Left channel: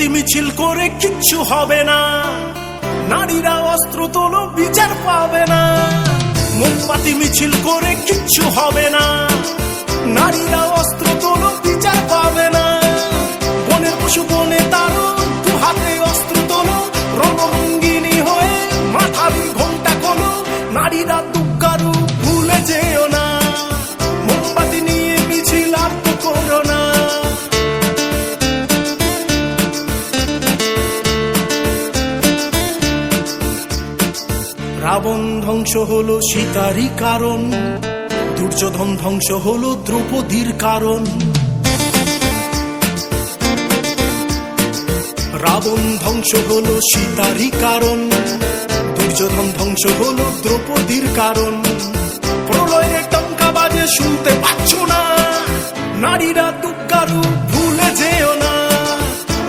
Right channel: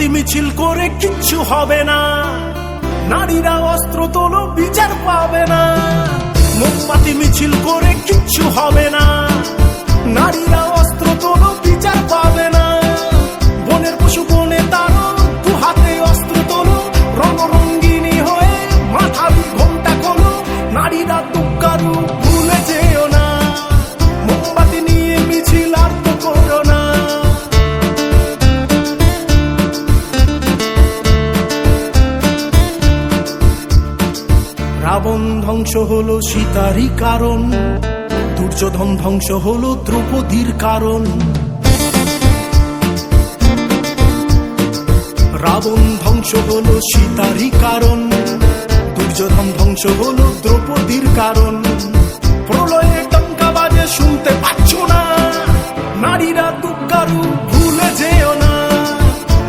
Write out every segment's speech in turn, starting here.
মোমবাতি মিছিল করে কিচ্ছু হবে না, নারীরা অস্ত্র তোলো বিচার পাবে না। মোমবাতি মিছিল করে কিচ্ছু হবে না, নারীরা অস্ত্র তোলো বিচার পাবে না। বনের পশু বনে তারো, দু হাতে অস্ত্র তোলো, রণরঙ্গিনী হয়ে মাথারি ঘোমটা খোলো। নারীরা দুঃখারু ভুলে যেও না, মোমবাতি নিয়ে মিছিল আর তো করো না। রাবণ ধ্বংস হলো সীতারই কারণ, দুর্যোধন ধ্বংস হলো দ্রৌপদীর কারণ। রাবণ ধ্বংস হলো সীতারই কারণ, দুর্যোধন ধ্বংস হলো দ্রৌপদীর কারণ। প্রলয়ে টঙ্কা বাজে শুনতে পাচ্ছ না, নারীরা দুঃখারু ভুলে যেও না।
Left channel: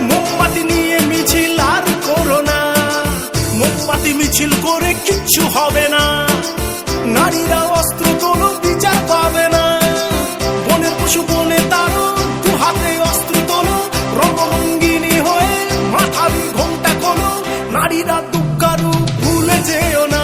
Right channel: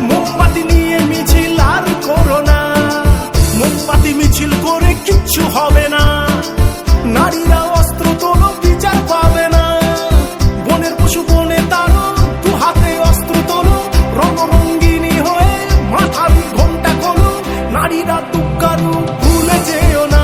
মোমবাতি নিয়ে মিছিল আর করো না, মোমবাতি মিছিল করে কিচ্ছু হবে না, নারীরা অস্ত্র তোলো বিচার পাবে না। বনের পশু বনে তারো, দু হাতে অস্ত্র তোলো, রণরঙ্গিনী হয়ে মাথারি ঘোমটা খোলো। নারীরা দুঃখারু ভুলে যেও না।